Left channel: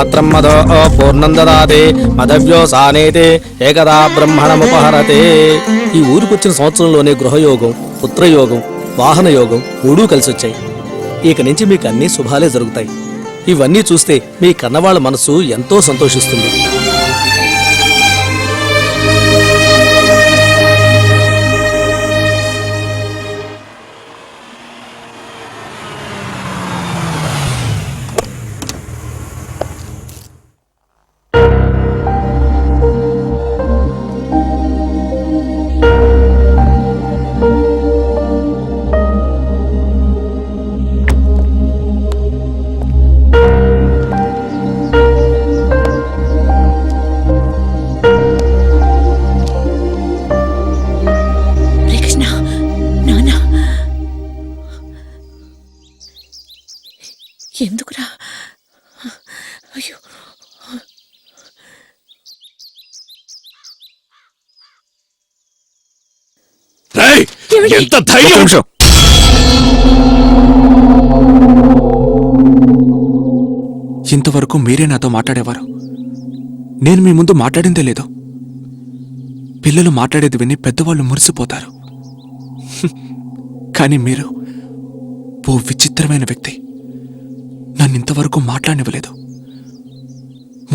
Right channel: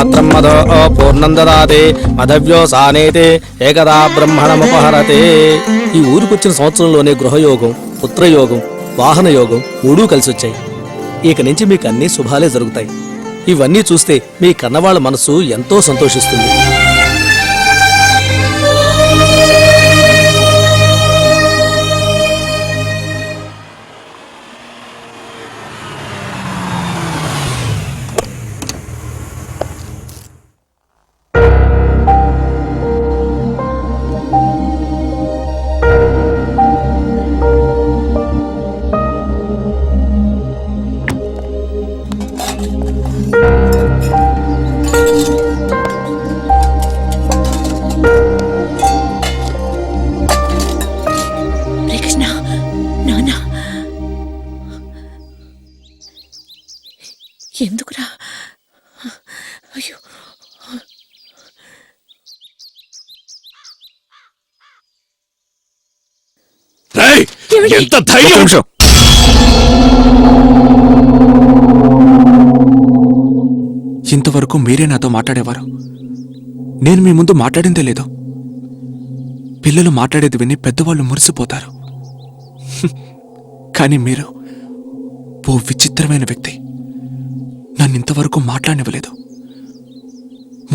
పాత్రం మదో పూర్ణం దదాతి మదవ్యోసానేతి ఏకదా బ్రహ్మణముపహరతే. ఈ ఊరికొచ్చిన సంవత్సరంలోనే గృహయోగం, పుత్రయోగం, వాహన యోగం మూడూ కలిసొచ్చాయి. ఇక నుంచి మీకు అన్ని శుభాలే జరుగుతాయి. ఇవన్నీ చూస్తే మీ కన్నవాళ్ళ మనసు ఎంతో సంతోషిస్తుంది. ఎందుకురా? అయ్యో, ఎంత ధైర్యం! ఇంతవరకు మీరే నాతో మాట్లాడేవారు. నేను మీ ముందు మాట్లాడిందే లేదు. పిల్లలు మాట్లాడేది విని పెద్దవాళ్ళు మురిసిపోతారు. కానీ మీరు ఓ విచిత్రమైన వ్యక్తి. నన్ను ఇంతవరకు మాట్లాడనివ్వలేదు.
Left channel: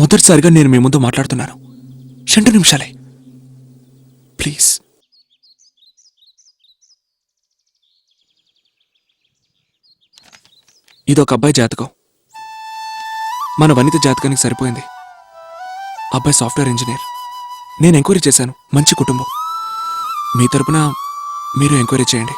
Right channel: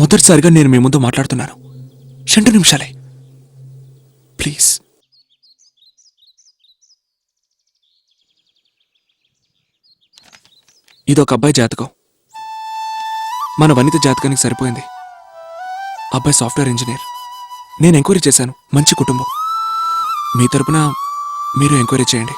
మొదటిసారిగా నేను మీ ముందు మాట్లాడుతున్నాను. 2 నిమిషాలే, ప్లీజ్. ఇదొక అబ్బాయి జాతకం. మన వనిత జాతకానికి సరిపోయింది. అబ్బాయి సాఫ్ట్వేర్ ఇంజనీర్. నేను ఎంక్వైరీ చేశాను. మంచి కుటుంబం. మీ తరపున మీరు ఎంక్వైరీ చేయండి.